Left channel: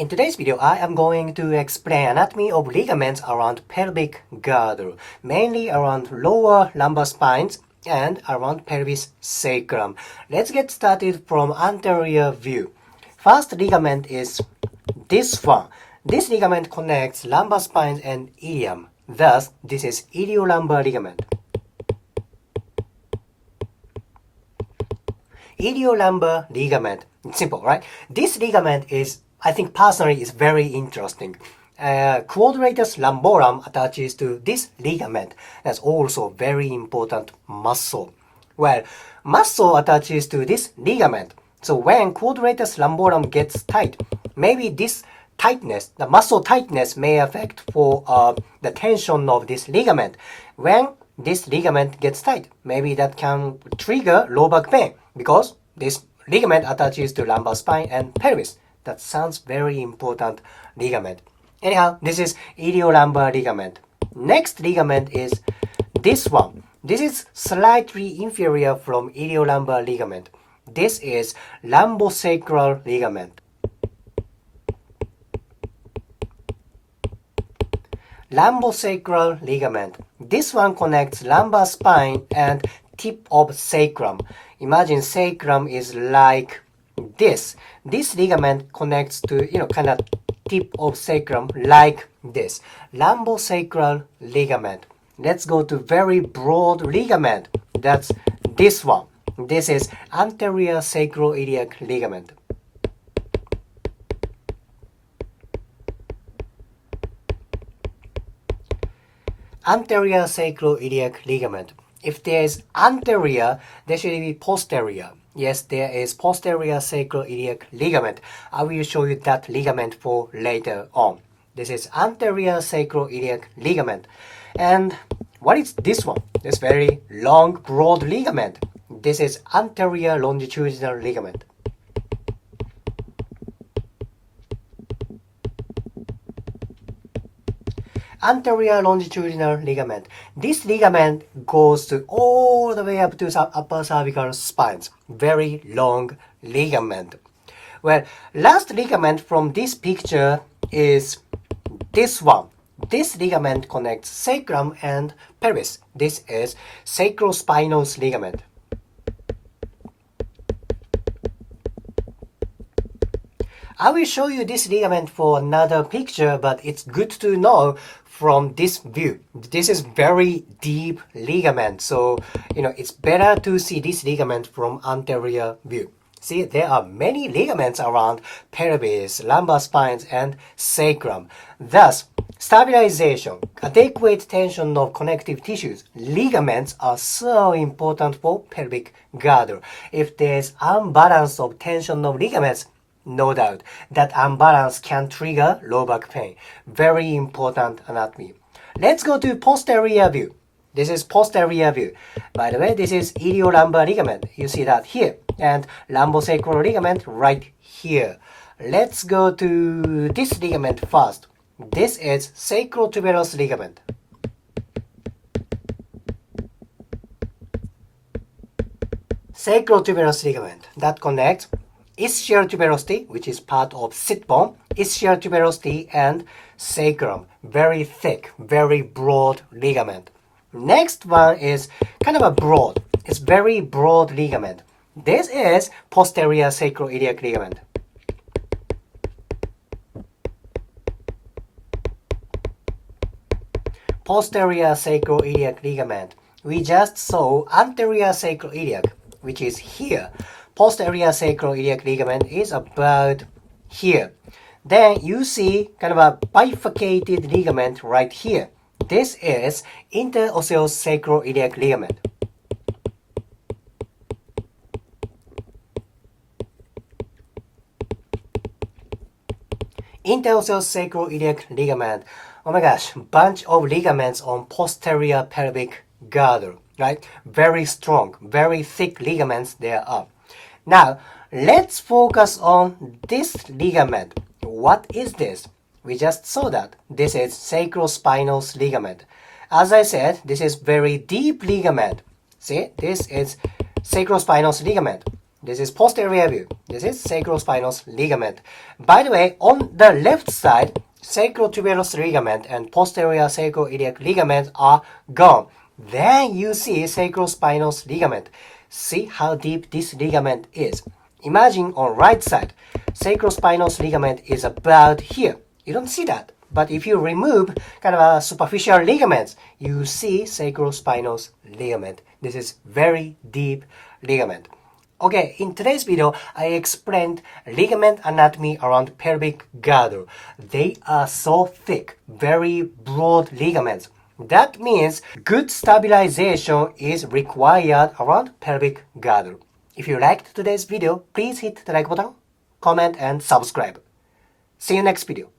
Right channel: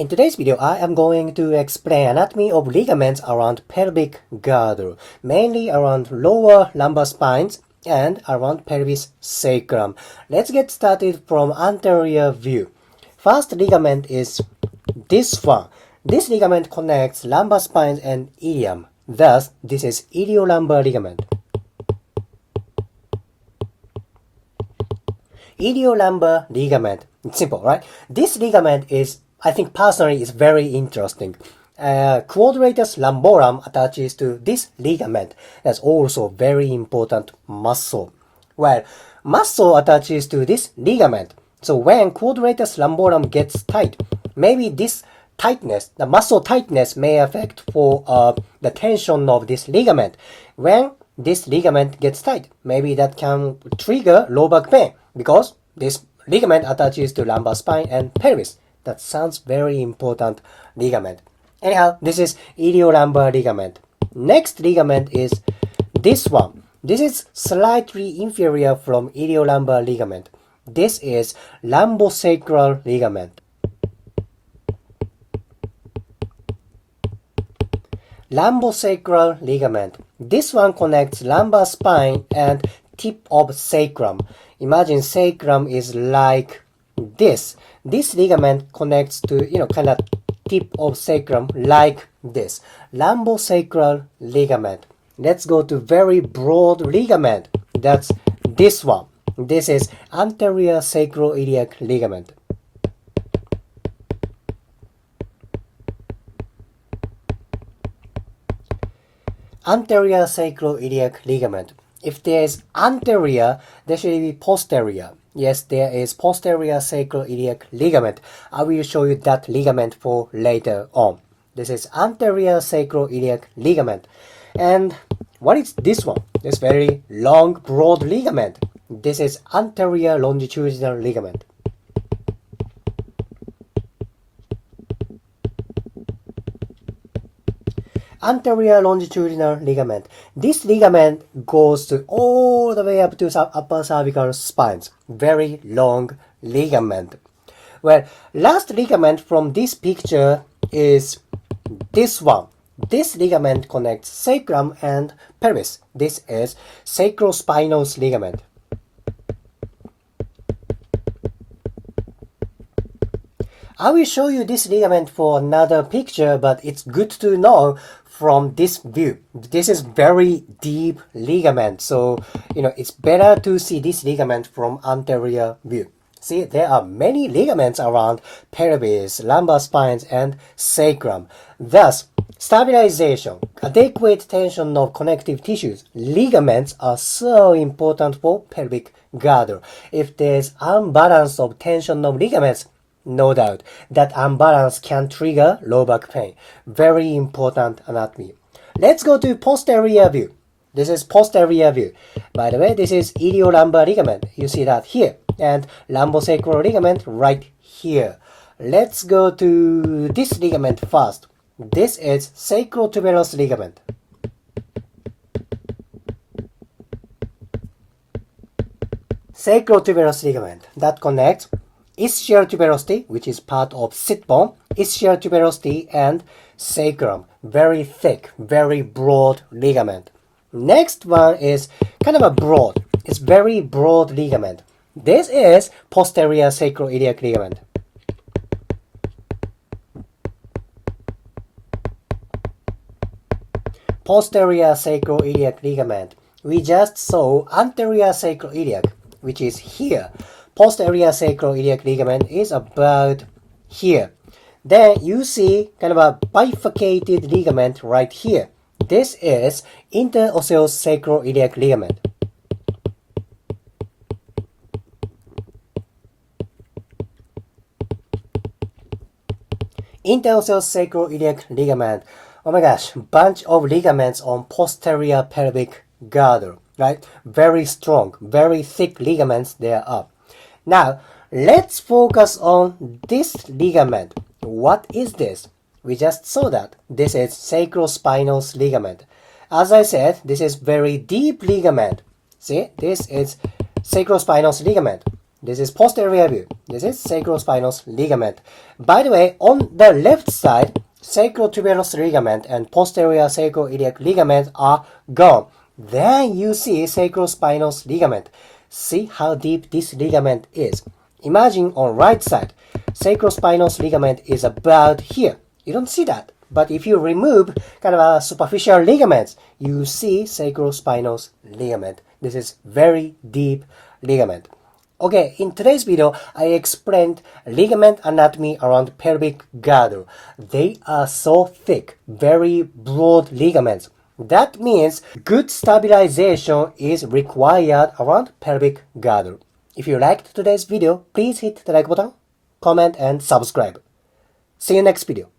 In today's video, I am going to explain anatomy of ligaments around pelvic girdle, mainly around lower lumbar spines and around pelvis sacrum. Let's get started from anterior view. First ligament is this one. This ligament connects lumbar spines and ilium. Thus, this is iliolumbar ligament. Iliolumbar ligament. It's simple, right? This ligament is, I think personally, is very interesting. Quadratus lumborum attaches to this ligament. That's also very important muscle. Well, muscle attaches to this ligament. So when quadratus lumborum gets tight, maybe this tightness, the muscle tightness may affect for the tension of this ligament. When this ligament gets tight, maybe that can trigger low back pain because this ligament attaches to lumbar spine and pelvis. That sounds very important ligament. Anyhow, this is iliolumbar ligament. Next ligament is this one. This is slightly inferior from iliolumbar ligament. This is lumbosacral ligament. Lumbosacral ligament. This one connects lumbar spine and tip of sacrum. Imagine sacrum is like this. This ligament connects to, kind of tip of sacrum like this. Lumbosacral ligament. Let's go to very broad ligament. That's this one. This is anterior sacroiliac ligament. Anterior sacroiliac ligament. If there is anterior, there should be posterior. Yes, there is posterior sacroiliac ligament. I will show you that ligament for later on. This is anterior sacroiliac ligament. And what is this one? This very long, broad ligament. This is anterior longitudinal ligament. Anterior longitudinal ligament. This ligament goes to all the way up to upper cervical spines. Very long ligament. Well, last ligament from this picture is this one. This ligament connects sacrum and pelvis. This is sacrospinous ligament. I will show you this ligament for another picture, but it's good to know from this view. This is very deep ligament, so it's better to see this ligament from anterior view. See, there are many ligaments around pelvis, lumbar spines, and sacrum. Thus, stabilization, adequate tension of connective tissues, ligaments are so important for pelvic girdle. If there's unbalance of tension of ligaments, no doubt that unbalance can trigger low back pain. Very important anatomy. Let's go to posterior view. This is posterior view. By the way, this is iliolumbar ligament. You see that here. And lumbosacral ligament right here. Let's go to this ligament first. This is sacrotuberous ligament. Sacrotuberous ligament that connects ischial tuberosity, which is part of sit bone, ischial tuberosity and sacrum. Very thick, very broad ligament. Next one is kind of a broad. It's very broad ligament. This is posterior sacroiliac ligament. Posterior sacroiliac ligament. We just saw anterior sacroiliac, which is here. Posterior sacroiliac ligament is about here. Then you see kind of a bifurcated ligament right here. This is interosseous sacroiliac ligament. Interosseous sacroiliac ligament. Oh my gosh, bunch of ligaments on posterior pelvic girdle, right? Very strong, very thick ligaments there are. Now, let's focus on this ligament. What is this? We just saw that. This is sacrospinous ligament. As I said, this is very deep ligament. See, this is sacrospinous ligament. This is posterior view. This is sacrospinous ligament. By the way, on the left side, sacrotuberous ligament and posterior sacroiliac ligament are gone. Then you see sacrospinous ligament. See how deep this ligament is. Imagine on right side, sacrospinous ligament is about here. You don't see that. But if you remove kind of a superficial ligaments, you see sacrospinous ligament. This is very deep ligament. Okay, in today's video, I explained ligament anatomy around pelvic girdle. They are so thick, very broad ligaments. That means good stabilization is required around pelvic girdle. If you liked today's video, please hit the like button, comment, and subscribe. See you next video.